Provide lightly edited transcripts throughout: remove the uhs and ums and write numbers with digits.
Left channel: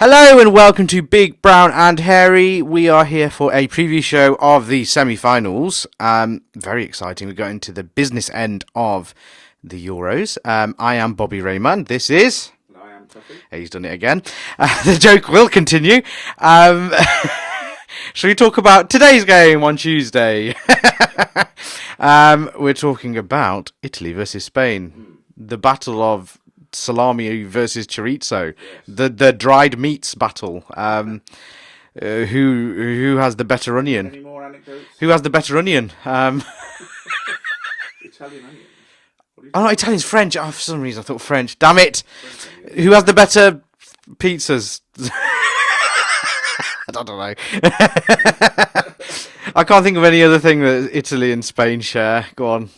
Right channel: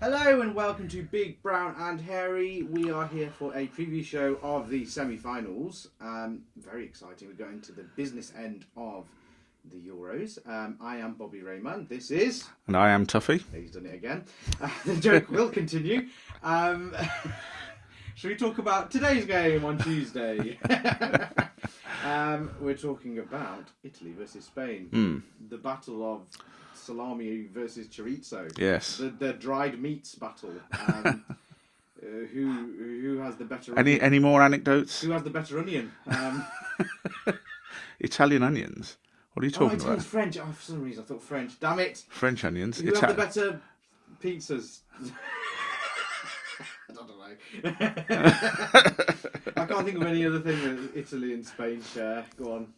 Hello and welcome to Big Brown and Hairy. We are here for a preview show of the semi-finals. Very exciting. We got into the business end of the Euros. I am Bobby Rayman. This is... And I am Tuffy. He's done it again. The joke will continue. Shall we talk about today's game on Tuesday? We're talking about Italy versus Spain. The battle of salami versus chorizo. Yes. The dried meats battle. Who has the better onion? Any more anecdotes? Who has the better onion? Italian onions. What are you Oh, talking no, Italian's French. Oh, for some reason I thought French. Damn it. French onions. Who has the better pizzas? I don't know. I can't think of any other thing that Italy and Spain share. Go on.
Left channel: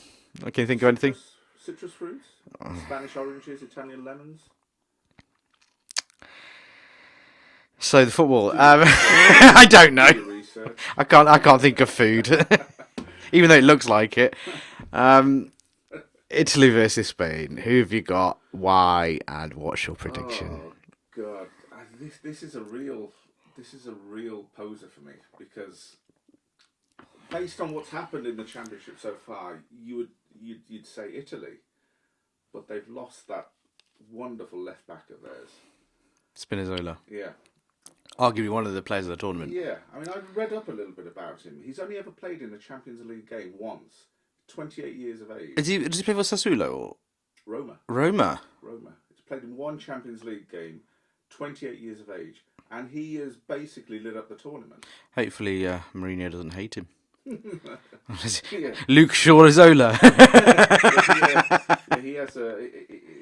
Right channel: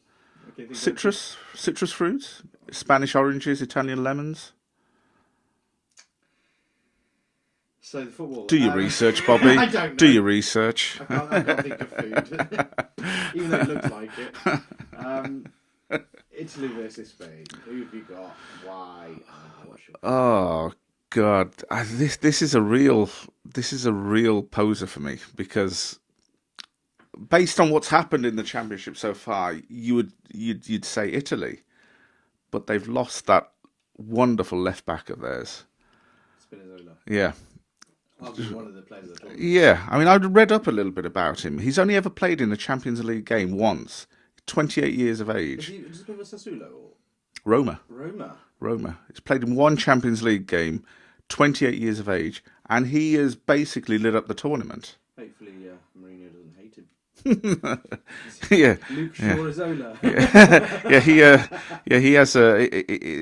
I can think of anything. Citrus fruits? Spanish oranges, Italian lemons? So the football. Do your research, I don't know. Do your research. I can't think of food, even though it looks like it. Italy versus Spain. Who have you got? Why? And what's your prediction? Oh God, this is a real poser for me, because based on what's happened in the championship so far, you'd say Italy, but they've lost that wonderful left back of theirs. Spinazzola. Yeah. Arguably one of the players of the tournament. Yeah, I mean, I read up a little bit about him. He's only ever played in a Champions League game once. 28 years of age. Does he play for Sassuolo or Roma. He's played in one Champions League game, 28 years of age, and he has basically lit up the tournament. Hopefully, Mourinho doesn't hate him. Yeah, Luke Shawrazola.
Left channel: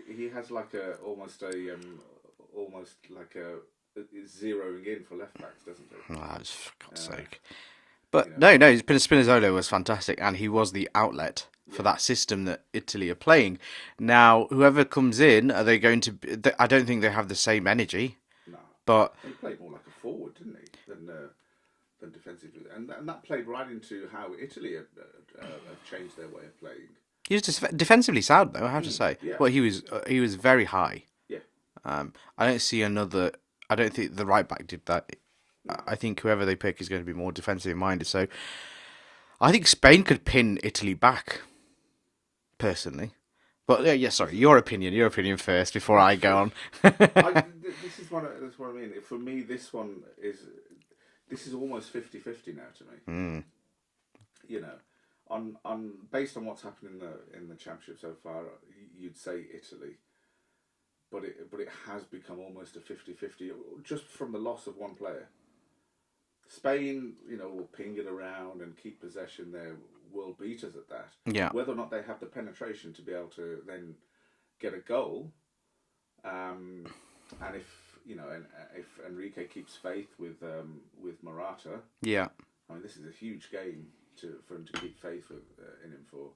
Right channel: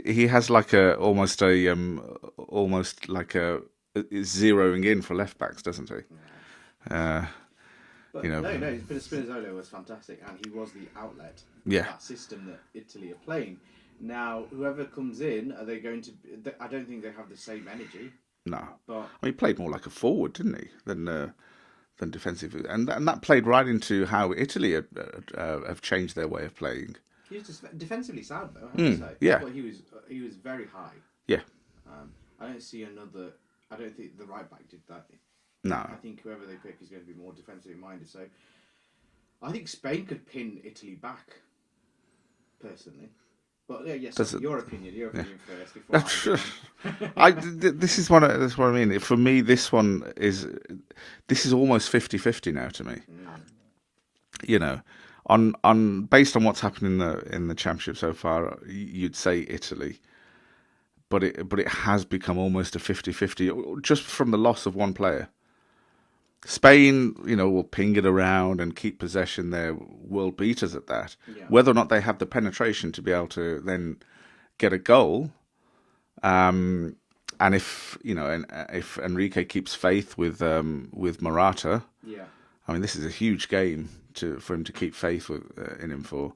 He has like almost like a zeroing in for left backs, doesn't he? But you know, no, Spinazzola was fantastic, and he was the outlet for that system that Italy are playing. Now, whoever comes in, are they going to? I don't think they have the same energy. No, but he played more like a forward, didn't he, than defensive, and that played right into how Italy have changed their way of playing. He was just defensively sound, though, I have to say. Yeah, but he was very high. Yeah, I don't think the right back did that. No. I think whoever they pick is going to be more defensively minded. So I think Spain could pin Italy back, personally. But sorry, your opinion first before I go on. This is what I mean. For me, this is almost 50-50 now to me. You know, on based on what's happened in the championship so far, you'd say Italy. But it has become almost a 50-50 just from the loss of one player. Spain, will ping it around and keep possession. They're world beaters at that. Yeah. Whether or not they have the penetration to be able to then get a goal, and if if Enrique keeps faith with Morata, yeah, I mean, this is a huge game for him to keep faith in him for.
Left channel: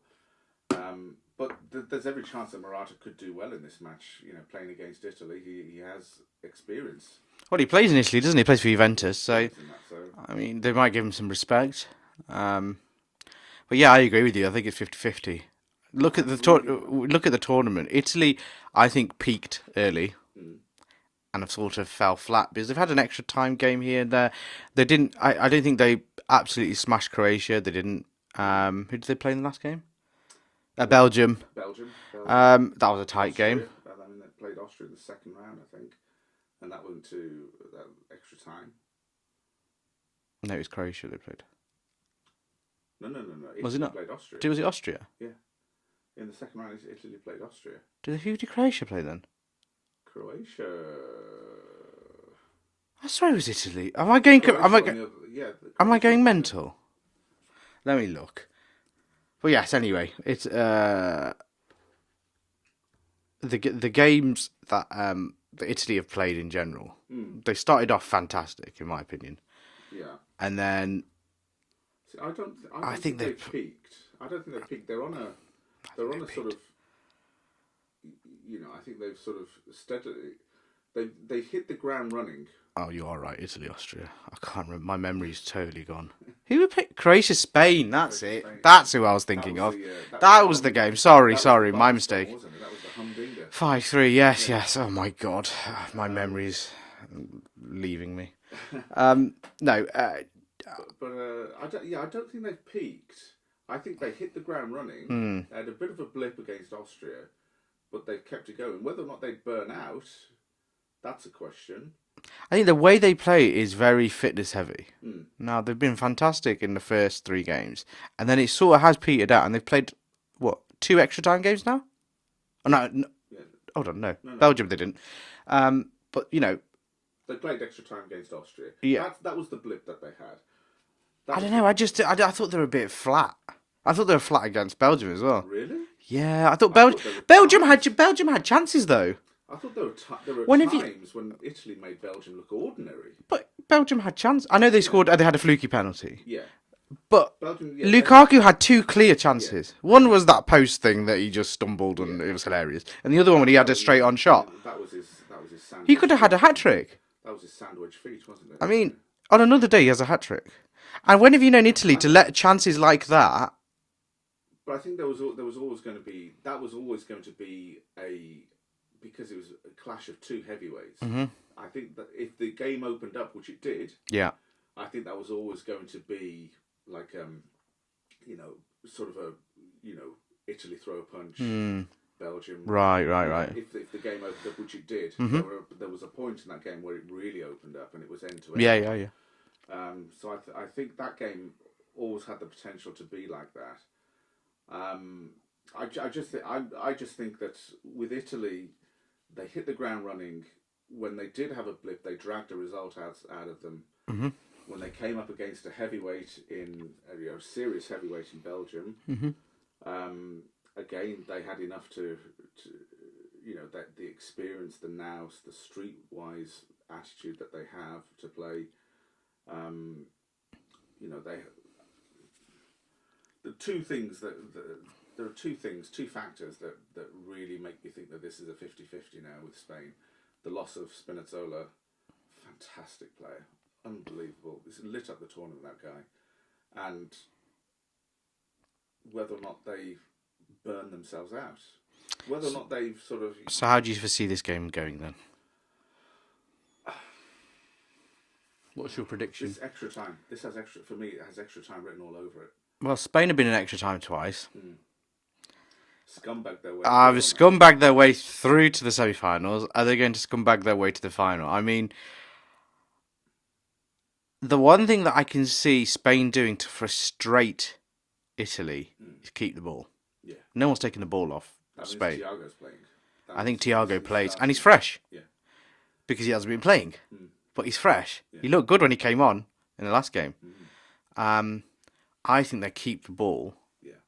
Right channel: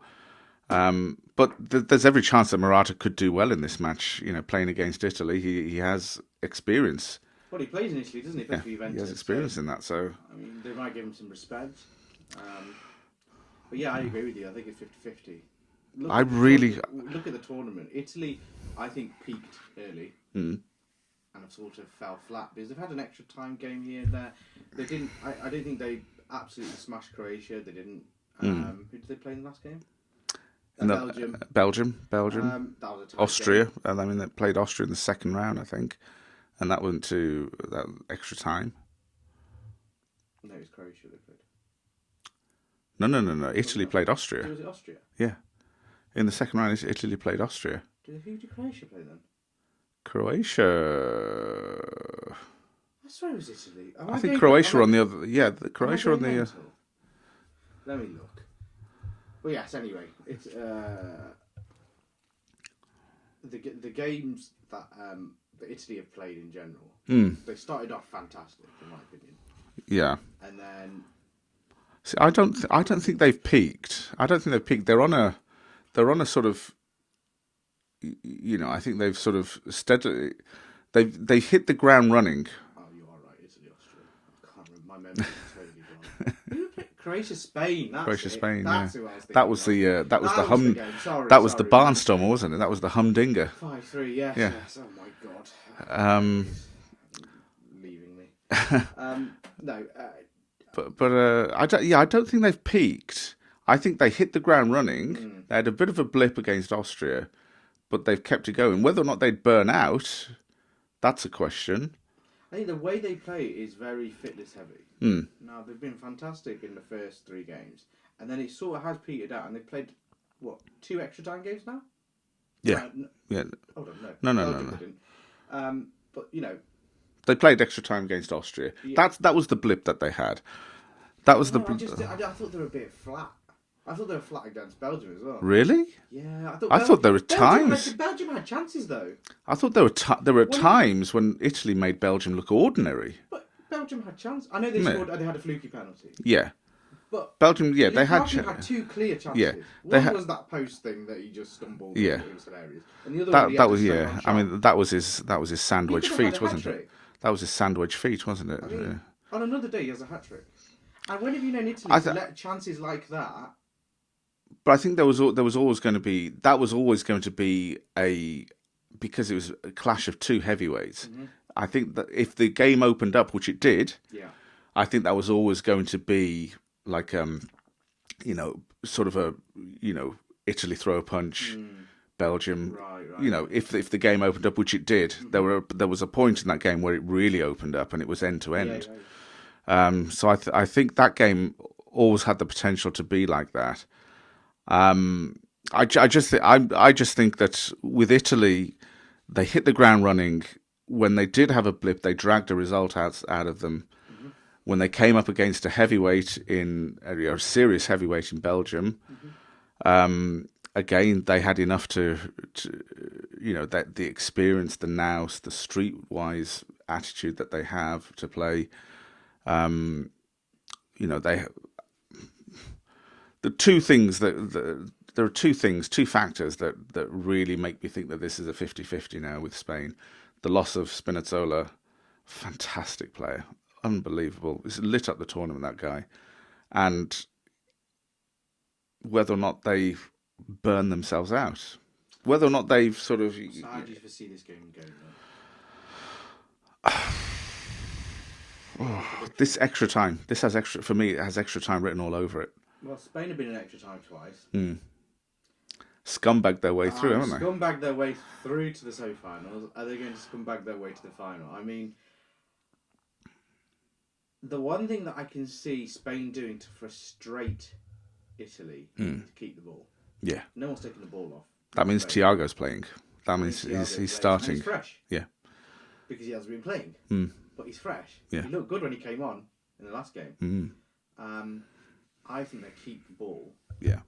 But there's every chance that Morata could do well in this match. Playing against Italy, he has experience. Well, he plays in Italy, doesn't he? He plays for Juventus, in that, so I mean, they might give him some respect. But yeah, I agree with you. I think it's 50-50. Look at the tournament. Italy, I think, peaked early and have sort of fell flat because they've had an extra time game here and there. They didn't. I don't think they absolutely smashed Croatia. They didn't. Who did they play in the last game? Belgium. Belgium. That was a tight Austria. game. And I mean, they played Austria in the second round, I think, and that went to that extra time. No, it was Croatia they played. No. Italy played Austria. Was it Austria? Yeah. In the second round, Italy played Austria. Who did Croatia play then? Croatia. I swear it was Italy. Am I going mental? Let me look. Well, yes. Anyway, it's the games that Italy have played in general. They started off fantastic, in my opinion. Yeah, and then I don't think they've peaked. I don't think they've peaked. They're on a sort of. I think they've sort of steadily. They've hit the ground running. Oh, you are right. Italy, Austria. I can't remember. My memory is totally gone. Who would pick Croatia, Spain? That's it. Spain, That's who I was thinking of. That was the game. Sorry. That was the barnstormer, wasn't it? That was the humdinger. 5-3. Yes. Oh my God. My memories. leaving me. No. I don't think they've peaked. I think they hit the ground running. They had a bit of a blip against Austria, but they've kept it going. Whether or not they'd burn out, that's a question. I think the way they play is very fitness heavy. Now, they've been fantastic in the first 3 games, and then it sort of has petered out, and they've played, 2 extra time games now? Yeah. Hold on, no. No, Belgium no. didn't. But, They played extra time against Austria. Yeah. That was the blip that they had. That was I thought they were a bit flat. I thought they were flat against Belgium as well. Really? Yeah, I thought Belgium had chances though. I thought there were times when Italy made Belgium look ordinary. But Belgium had chances. I know they scored. They had a fluky penalty. Yeah. But Belgium, Lukaku had 2 clear chances. One was that post thing that he just stumbled and it was hilarious. And the other one he had a straight on shot. I mean, that was his sandwich. He could have had a hat trick. That was his sandwich feet, wasn't it? I mean, on another day he has a hat trick. And when have you known Italy to let chances like that? But I think there was always going to be because it was a clash of 2 heavyweights. I think that if the game opened up, which it did, I think that was always going to be like sort of a Italy throw a punch, Belgium. Right. If the game opened up, which it did, there was a point in that game where it really opened up and it was end to end. Yeah. So I think that game always had the potential to be like that. I just think that with Italy, they hit the ground running. When they did have a blip, they dragged a result out of them. When they came up against a heavyweight a serious heavyweight in Belgium, again they had enough to that the experience, the nous, the streetwise attitude that they have to play. There are 2 factors that really make me think that this is a 50-50 now with Spain. The loss of Spinazzola, fantastic player, unbelievable. He's lit up the tournament, that guy. And whether or not they burn themselves out, whether or not they've sort of... So how do you foresee this game going then? This extra time, for me, it has extra time written all over it. Well, Spain have been in extra time twice. Scumbag their way through. Scumbag their way through to the semi-finals. Are they going to scumbag their way to the final? I mean, the one thing that I can see Spain doing to frustrate Italy is keep the ball. Yeah. No one's taking the ball off. That means Thiago's playing. I think Thiago plays. And he's fresh. Yeah. Because he hasn't been playing. But he's fresh. Yeah. He looked good when he came on in the last game. I think they keep the ball. Yeah.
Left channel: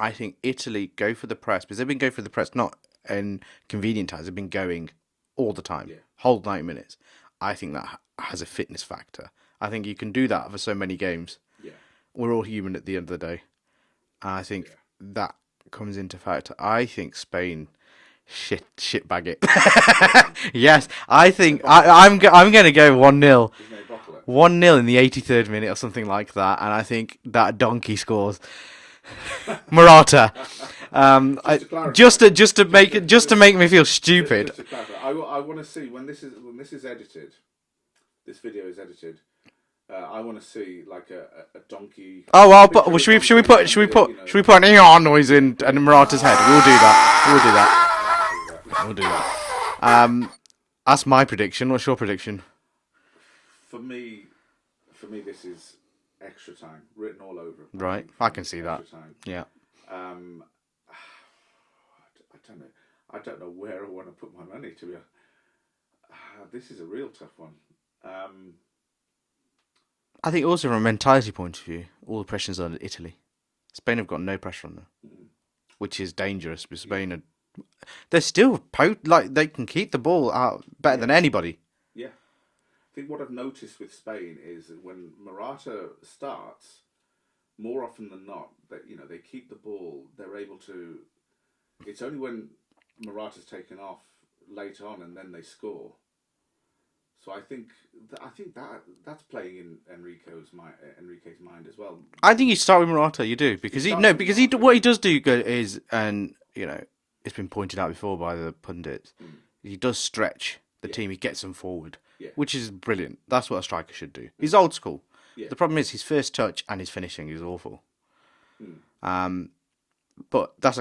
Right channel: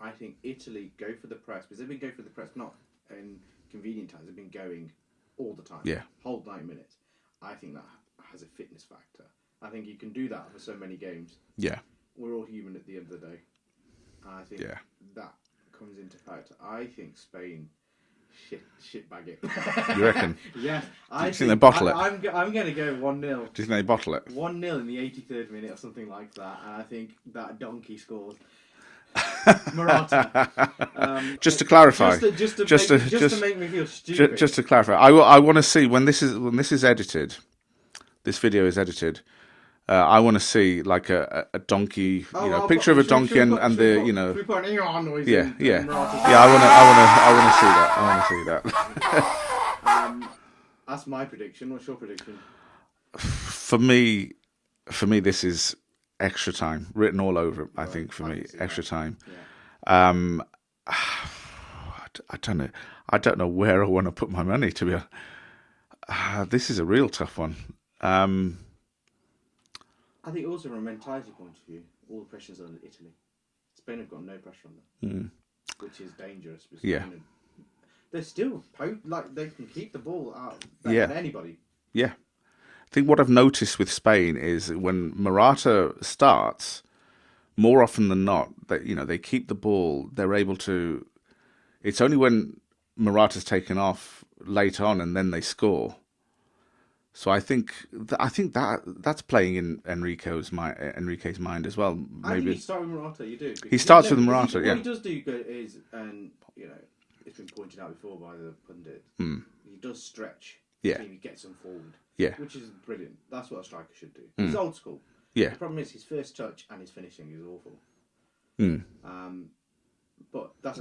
I think Italy go for the press, because they've been going for the press not in convenient times. They've been going all the time. Yeah. Whole 90 minutes. I think that has a fitness factor. I think you can do that for so many games. Yeah. We're all human at the end of the day. I think that comes into factor. I think Spain shitbag it. Yes, I think I'm going to go 1-0. Do you think they bottle it? 1-0 in the 83rd minute or something like that, and I think that donkey scores. Morata. Just to clarify, just to make me feel stupid. Just to clarify, I want to see when this is edited. This video is edited. I want to see like a donkey. Oh, should we put an ER noise in Morata's head? I will do that. We'll do that. That's my prediction. What's your prediction? For me, this is extra time written all over it. Right. I think I can see extra time. Yeah. I don't know. I don't know where I want to put my money, to be honest. This is a real tough one. I think also from a mentality point of view, all the pressure's on Italy. Spain have got no pressure on them, which is dangerous. Because Spain, they're still they can keep the ball out better than anybody. Yeah, I think what I've noticed with Spain is when Morata starts, more often than not, that they keep the ball. They're able to. It's only when Morata's taken off late on and then they score. So I think that's playing in Enrique's mind as well. Maybe. I think you start with Morata. You do because what he does do is, and it's been pointed out before by the pundits. He does stretch the team, he gets them forward. Yeah. Which is brilliant. That's what a striker should do. He's old school. Yeah. The problem is his first touch and his finishing is awful. But that's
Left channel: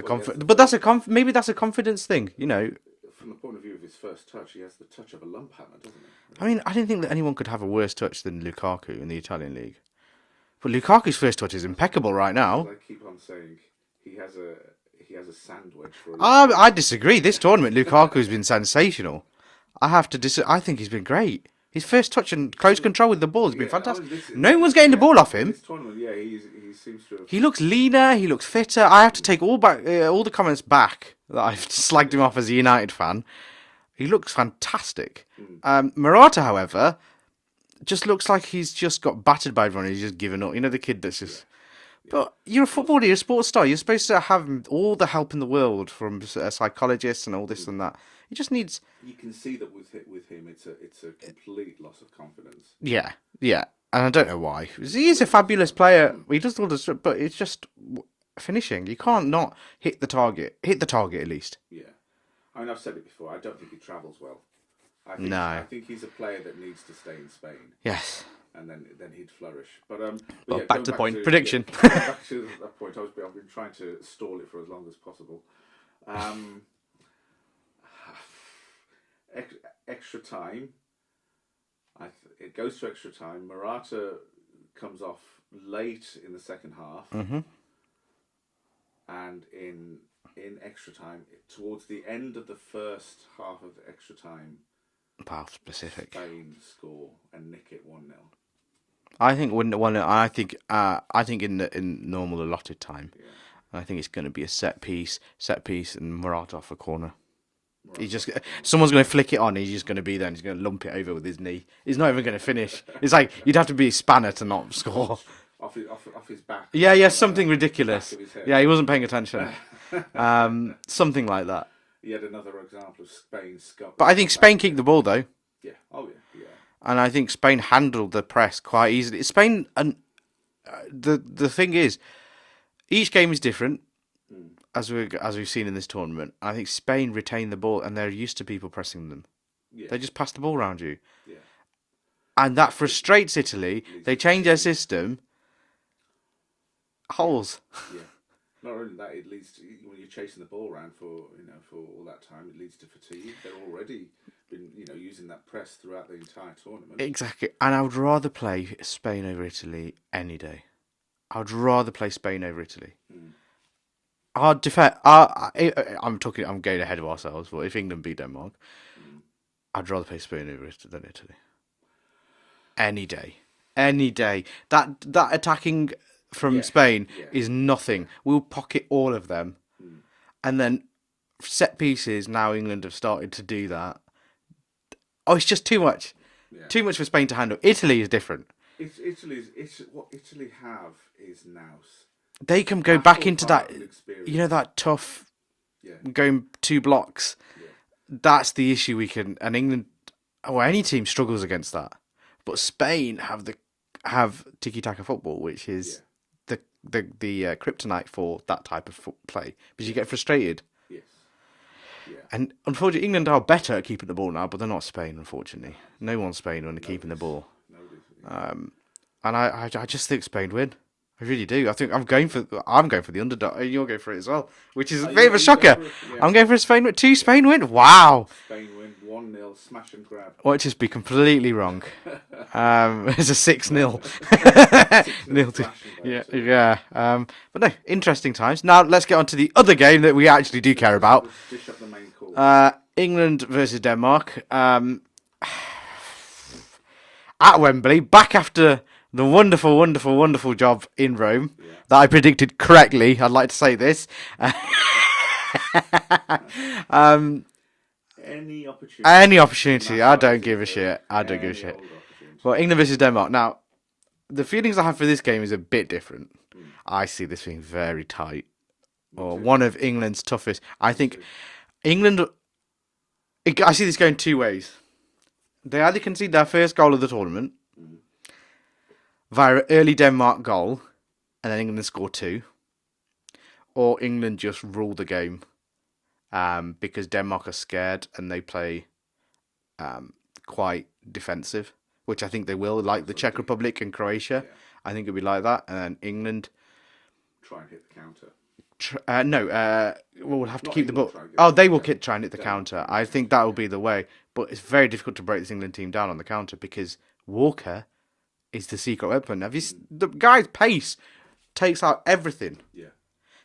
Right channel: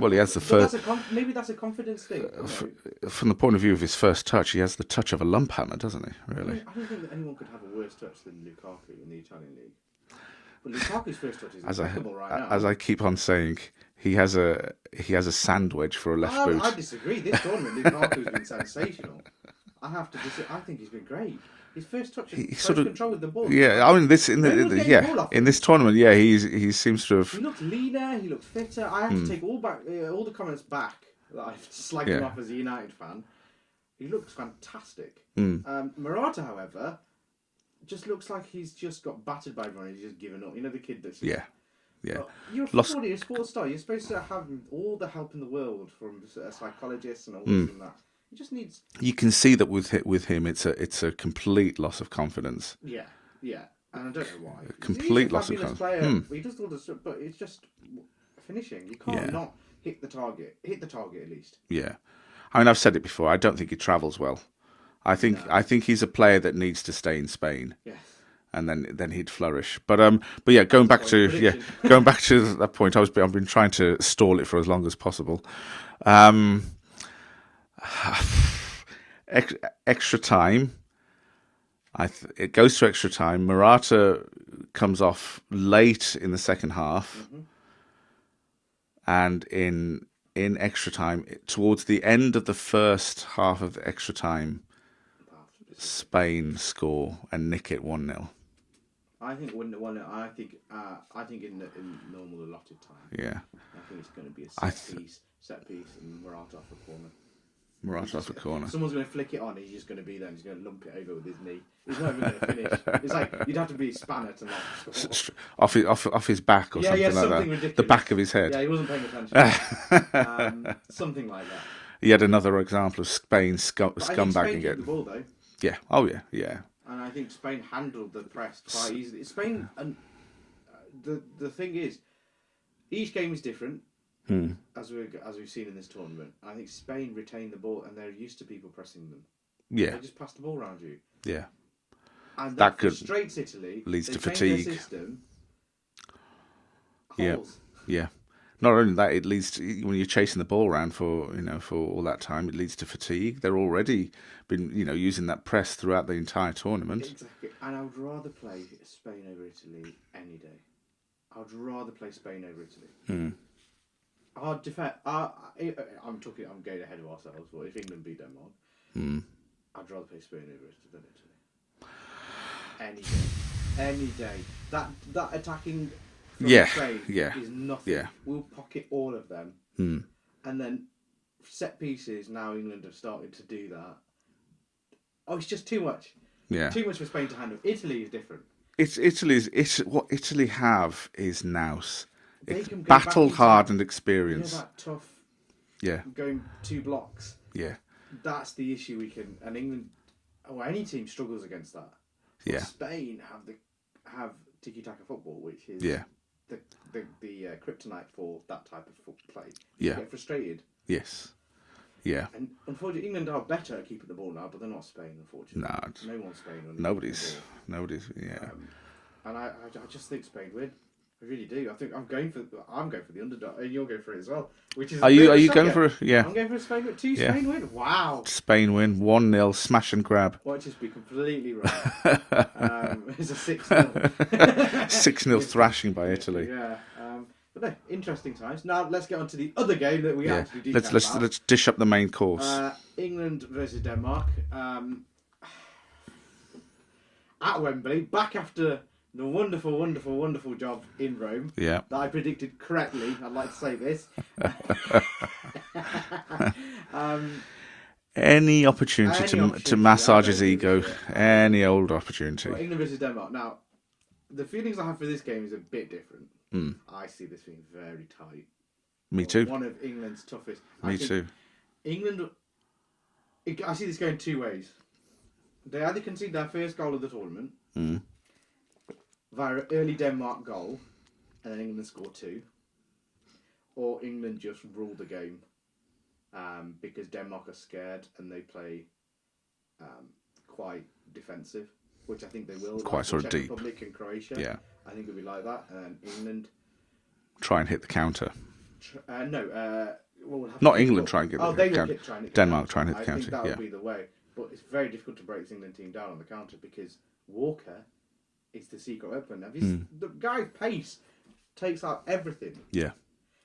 maybe that's a confidence thing, you know. From the point of view of his first touch, he has the touch of a lump hammer, doesn't he? Really? I mean, I didn't think that anyone could have a worse touch than Lukaku in the Italian league. But Lukaku's first touch is impeccable right now. As I keep on saying, he has a sand wedge for a left I disagree. This tournament, Lukaku's been sensational. I have to I think he's been great. His first touch and close control with the ball. Yeah, I mean, no one's getting the ball off him. In this tournament, yeah, he seems to have... He looks leaner, he looks fitter. I have to take all the comments back that I've slagged him off as a United fan. He looks fantastic. Morata, however, just looks like he's just got battered by everyone. He's just given up. You know, the kid that's just... Yeah. But you're a footballer, you're a sports star. You're supposed to have all the help in the world from psychologists and all this and that. He just needs. You can see that with him, it's a complete loss of confidence. Yeah, and I don't know why, because he is a fabulous player. He does all this, but it's just finishing. You can't not hit the target. Hit the target at least. Yeah, I mean, I've said it before. I don't think he travels well. I think he's a player that needs to stay in Spain. Yes. And then he'd flourish. But yeah, going back to that point, I've been trying to stall it for as long as possible. Extra time. It goes to extra time. Morata comes off late in the second half, and in extra time, towards the end of the first half of the extra time, Spain score and nick it 1-0. I think I think in normal allotted time. Yeah. I think it's going to be a set piece, and Morata off a corner. Someone's going to flick it on. He's just going to be there. And he's going to lump it over with his knee. He's not even going to finish. It's like you'd have to be a spanner to not score off his back. Or something ridiculous. The back of his head. Yeah, he wasn't paying attention. Something like that. He had another example of Spain. But I think Spain kicked the ball though. Yeah. Oh yeah. And I think Spain handled the press quite easily. Spain and the thing is, each game is different. As we've seen in this tournament, I think Spain retain the ball and they're used to people pressing them. Yeah, they just pass the ball around you. Yeah, and that frustrates Italy. They change their system. Holes. Yeah. Not only that, it leads to, when you're chasing the ball around for all that time, it leads to fatigue. They're already been using that press throughout the entire tournament. Exactly, and I would rather play Spain over Italy any day. I would rather play Spain over Italy. I'm going ahead of ourselves, but if England beat Denmark, I'd rather play Spain over than Italy. Any day. That attacking from Spain is nothing. Yeah. We'll pocket all of them, and then set pieces. Now England have started to do that. Oh, it's just too much. Yeah, too much for Spain to handle. Italy is different. What Italy have is nous. They can go back into that experience. That tough. Yeah. Going 2 blocks. Yeah. That's the issue and England, any team struggles against that. But Spain have tiki-taka football, which is the kryptonite for that type of play. Because you get frustrated. Yes. Yeah. And unfortunately, England are better at keeping the ball now, but they're not Spain, unfortunately. No one's Spain when they're keeping the ball. Nobody's. Yeah. And I just think Spain win. I really do. I think I'm going for the underdog. You're going for it as well, which is a bit of a shocker. I'm going for a Spain win. 2 Spain win. Wow. Spain win 1-0 smash and grab. Well, it just be completely wrong. It's a 6-0. 6-0 thrashing by Italy. Yeah. But no, interesting times. Now let's get on to the other game that we actually do care about. Let's dish up the main course. England versus Denmark. At Wembley, back after the wonderful, wonderful, wonderful job in Rome that I predicted correctly. I'd like to say this. Any opportunity to massage I don't his give ego. A shit. Any old opportunity. Well, England versus Denmark. Now, the feelings I have for this game is a bit different. I see this being very tight. Me too. One of England's toughest. I think England... I see this going 2 ways. They either concede their first goal of the tournament via an early Denmark goal, and then England score 2, or England just rule the game because Denmark are scared and they play quite defensive, which I think they will, like the Czech Republic and Croatia. Yeah. I think it'll be like that. And then England try and hit the counter. We'll have to Not keep England the try and get Oh, the they will counter. try and hit the Denmark counter. try and hit the I think counter, that will be the way. But it's very difficult to break this England team down on the counter because Walker is the secret weapon. Have you the guy's pace takes out everything. Yeah.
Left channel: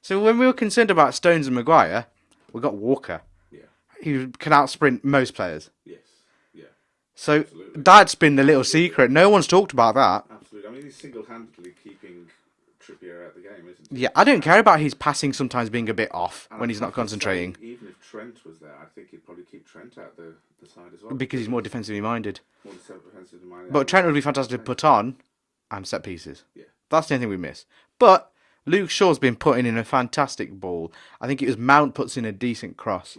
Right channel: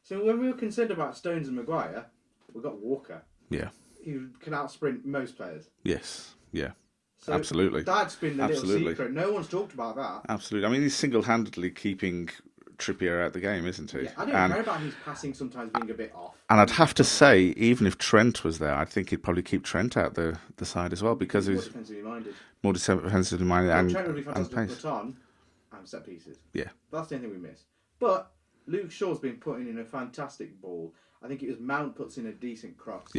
So when we were concerned about Stones and Maguire, we got Walker. Yeah. He can out-sprint most players. Yes. Yeah. So Absolutely. that's been the little secret. No one's talked about that. Absolutely. I mean, he's single-handedly keeping Trippier out the game, isn't he? Yeah, I don't care about his passing sometimes being a bit off. And I'd have to say, even if Trent was there, I think he'd probably keep Trent out the side as well. Because he's more defensively minded. More defensively minded. But Trent would be fantastic to put on and set pieces. Yeah. That's the only thing we miss. But Luke Shaw's been putting in a fantastic ball. I think it was Mount puts in a decent cross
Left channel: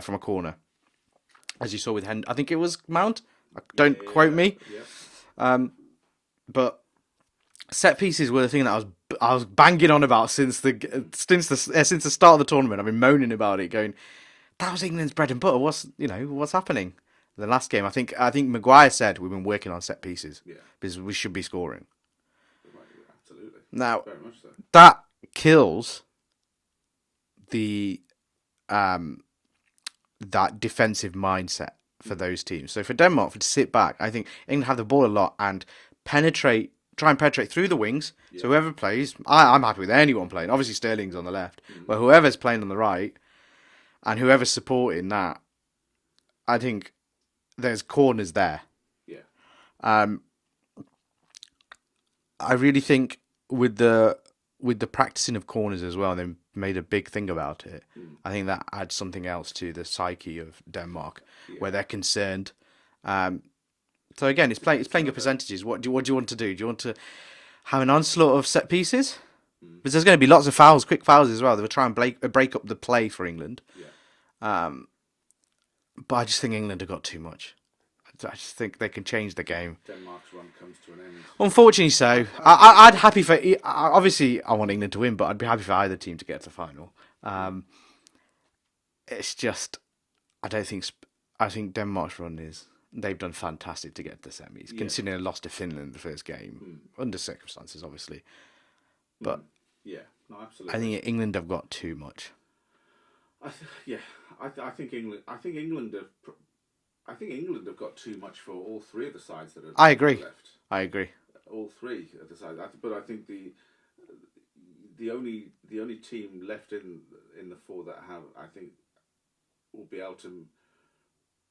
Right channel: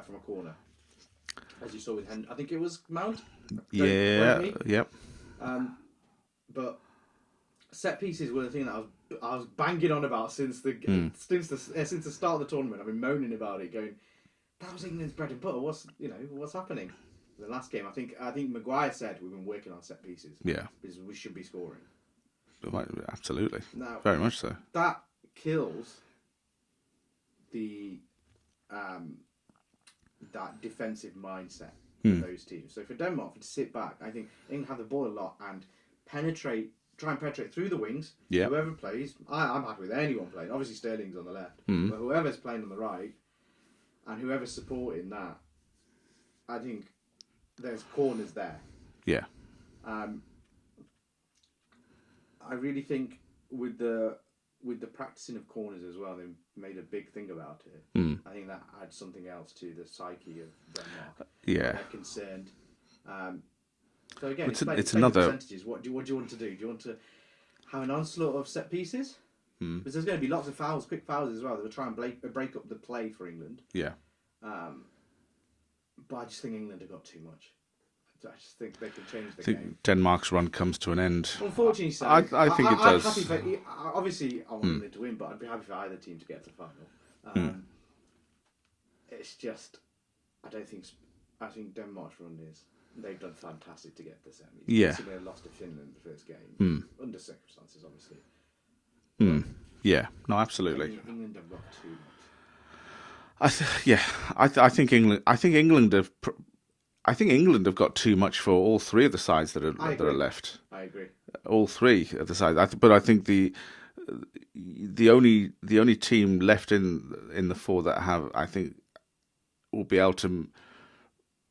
from a corner. As you saw with I think it was Mount. Don't quote me. Yep. But set pieces were the thing that I was banging on about since the start of the tournament. I've been moaning about it, going, that was England's bread and butter. What's happening? The last game, I think Maguire said we've been working on set pieces. Yeah, because we should be scoring. Absolutely. Now, very much so. That kills the that defensive mindset for those teams. So for Denmark, to sit back, I think England have the ball a lot and try and penetrate through the wings. Yeah. So whoever plays, I'm happy with anyone playing. Obviously Sterling's on the left, but whoever's playing on the right and whoever's supporting that, I think there's corners there. Yeah. I really think with the practicing of corners as well, they made a big thing about it. I think that adds something else to the psyche of Denmark, where they're concerned. So again, it's playing the percentages. What do you want to do? Do you want to have an onslaught of set pieces? Because there's going to be lots of fouls, quick fouls as well. They will try and break up the play for England. Yeah. But I just think England have got too much. I just think they can change the game. Denmark's run comes to an end. Unfortunately, so I'd happy for. Obviously, I want England to win, but I'd be happy for either team to get to the final. It's just, I think Denmark's run is. They've done fantastic to get to the semis. Yeah. Considering they lost to Finland in the first game under circumstances, obviously. But yeah, no, absolutely. I think England have got too much. I think England. I think England have got too much for all three of the sides that are left. I agree. All three of the sides, but I think the only team left in the four that will be able to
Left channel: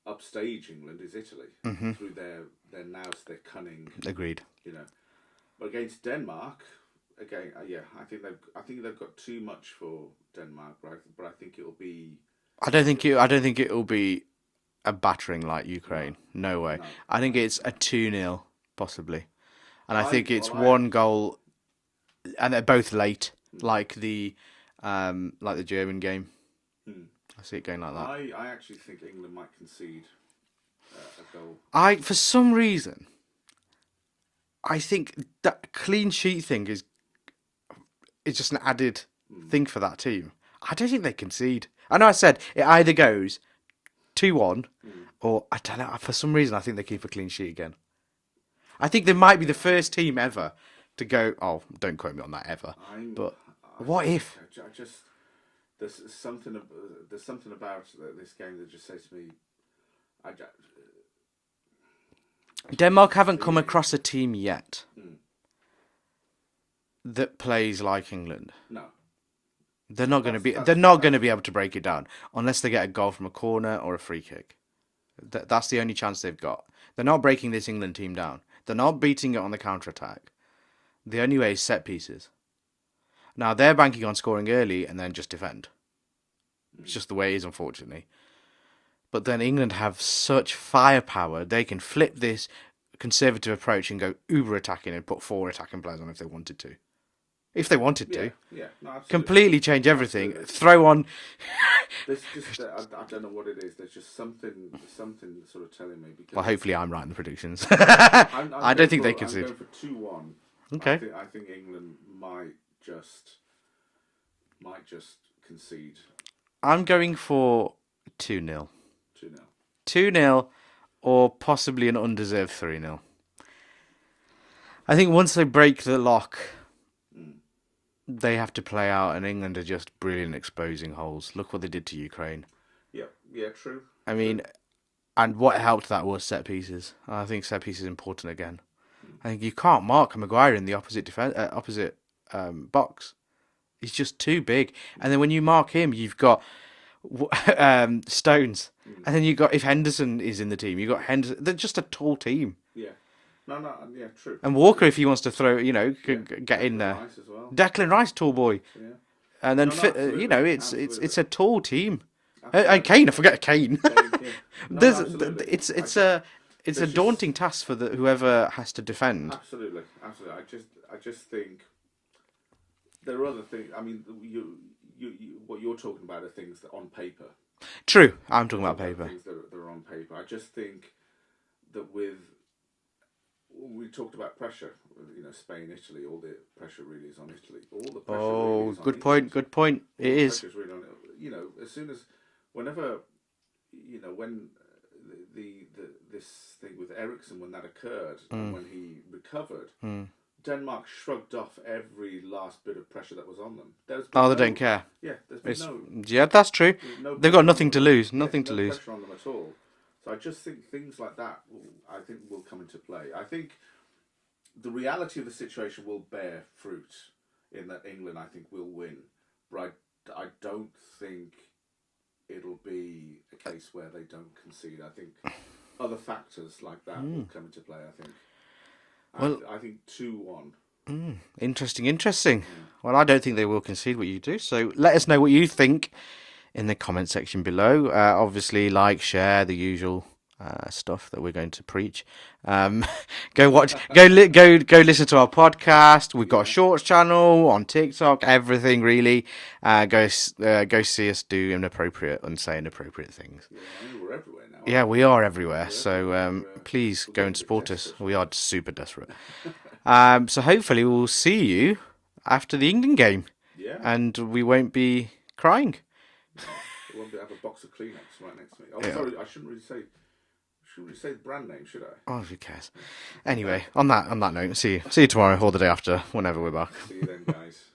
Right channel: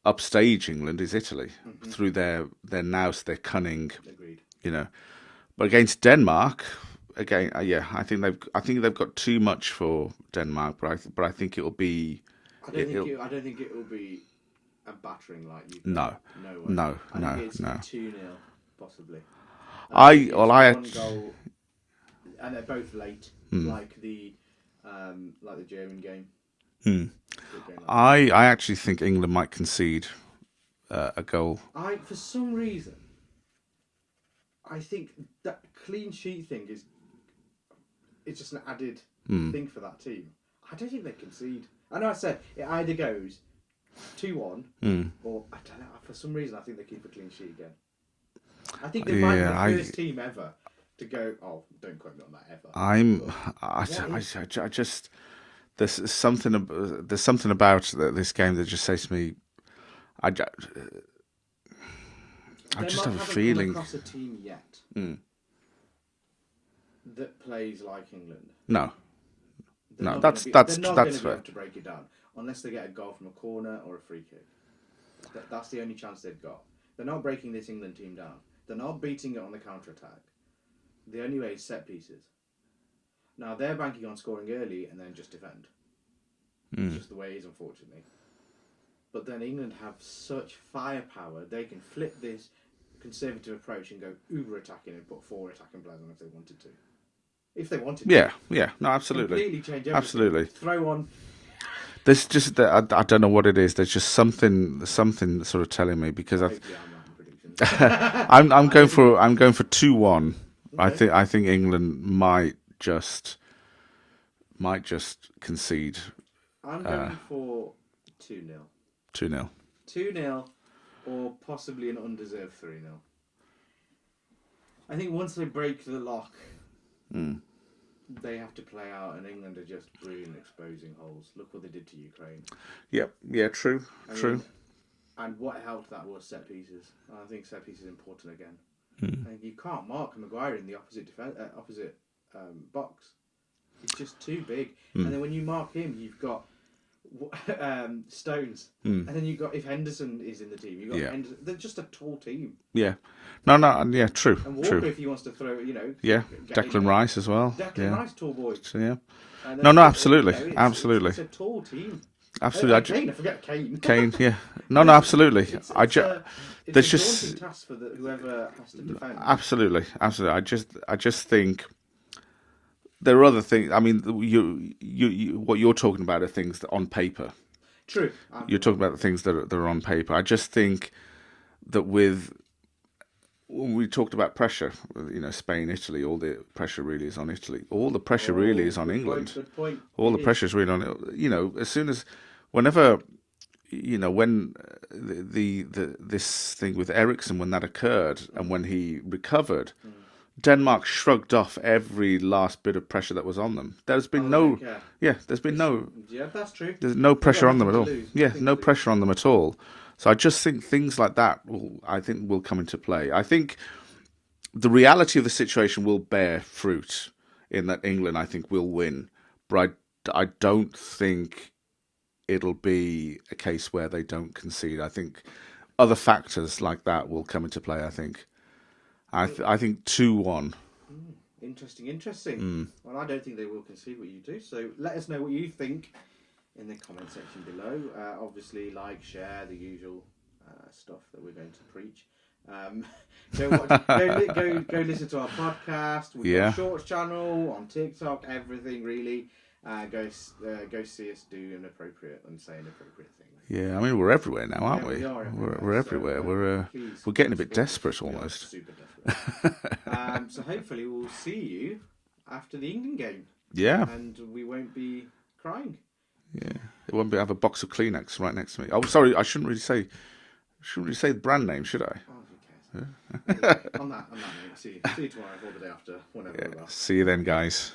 upstage England is Italy through their nous, their cunning. Agreed. But against Denmark, again, I think they've got too much for Denmark. But I think it will be. I don't think it will be a battering like Ukraine. No way. No, I think it's a 2-0 possibly. And I think it's one goal, and they're both late, like the German game. I see it going like that. I actually think England might concede a goal. For some reason, I think that clean sheet thing is just an added thing for that team. I don't think they concede. I know I said it either goes 2-1 or I don't know. For some reason, I think they keep a clean sheet again. I think they might be the first team ever to go. Oh, don't quote me on that ever. There's something about this game that just says to me, Denmark haven't come across a team yet that plays like England. No. They're not going to be able to break it down unless they get a goal from a corner or a free kick. That's the only chance they've got. They're not breaking this England team down. They're not beating it on the counter-attack. The only way is set pieces. Now, they're banking on scoring early and then just defend. It's just the way it is, unfortunately. But then England have such firepower, they can flip this conservative approach and go uber attacking and put 4 attacking players on if they wanted to. Yeah, no, absolutely. Completely change everything. Absolutely. Throw on. There's just I don't know what it is. There's just something sort of telling me because hopefully I'm right in the predictions. I'm going for 2-1. Okay. I think England might just concede. I'm going for 2-0. 2-0. 2-0 or possibly an undeserved 3-0. I think once they break the lock, they have to play out, and England are just brilliant exposing holes. Look what they did to Ukraine. Yeah, true. I mean, and what helped that was set pieces. I think set pieces is important again. I think you can't mark Maguire in the opposite box. He's just too big. And then when you mark him, you've got Stones. And then you've got, if Henderson is in the team, you've got Henderson. They're just a tall team. Yeah. Yeah, true. And Walker, true. if he wants to throw, get Declan in there. Rice as well. Declan Rice, tall boy. So, yeah. And then absolutely. Absolutely. It's a tall team. Absolutely. Kane, I forget Kane. Kane, yeah. Absolutely. It's a daunting task for whoever has to defend. Absolutely. I just think there are other things. I mean, you what you're talking about are things that on paper. True. You're talking about things that are on paper. I just think that when we talked about pressure, Spain, Italy, all the pressure really is on Italy. All the pressure really is on England. Good point. All the pressure is really on it. As soon as, whenever, when this thing with Eriksen, when that occurred and when he recovered, Denmark shrugged off every last bit of pressure that was on them. There's been they don't care. Yeah, there's been no. Yeah, that's true. There's no They've pressure got on them nothing to lose. No pressure on them at all. So I just think things like that will come into play. I think the reality of the situation will bear fruit in that England, I think, will win. But I don't think it'll be a case where they don't concede. I think other factors like that will come into play, I think. I think 2-1. Interesting. Well, I don't think they will concede what you do. So let us know what you think in the comment section below. Obviously, share, the usual stuff that we're going to preach. Go watch, go listen to our podcast. We've got a shorts channel on TikTok. Everything really. Go see us do inappropriate and say inappropriate things. Yeah, I mean we're everywhere now. Aren't we? We are everywhere. Please go and support us. We are super desperate. So hopefully we'll see you after the England game. Yeah, and we won't be crying. Yeah. It won't be. I have a box of Kleenex right next to me. Oh, sorry, I shouldn't really say the brand name, should I? Oh, who cares? Yeah. Anyway, on that note, see you tomorrow or the day after, whenever we're back. See you then, guys.